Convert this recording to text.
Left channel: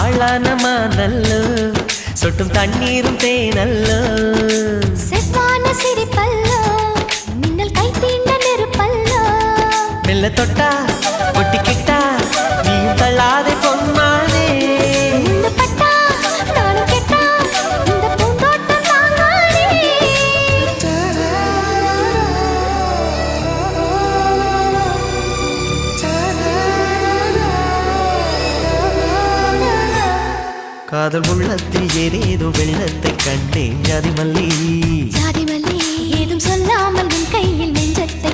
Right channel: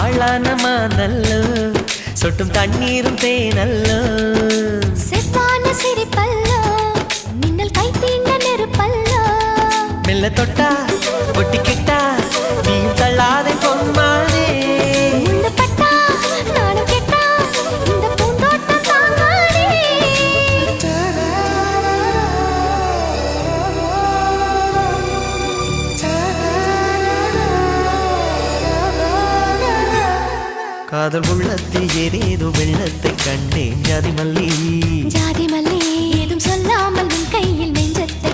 ஆளான மாந்தல்லோ சொட்டும் தண்ணீரும் தேனல்லோ செவ்வான சிரிப்பல்லோ மின்னல் கை தீண்ட நெருப்பல்லோ மெல்ல தொட்டா ஒட்டிக்கிட்டா நீயும் தள்ளாதே பொன்மானே முள்ளு பட்டா நானும் கெட்டா இந்த பூந்தோட்டம் தாங்காதே காதல் உள்ளத்தில் ஏதேதோ வெள்ளத்தை கண்டேன் ஜாதி மல்லி ஜாதி மல்லி ஏதும் சொல்லாமல் உன் கையில் நெஞ்சத்தை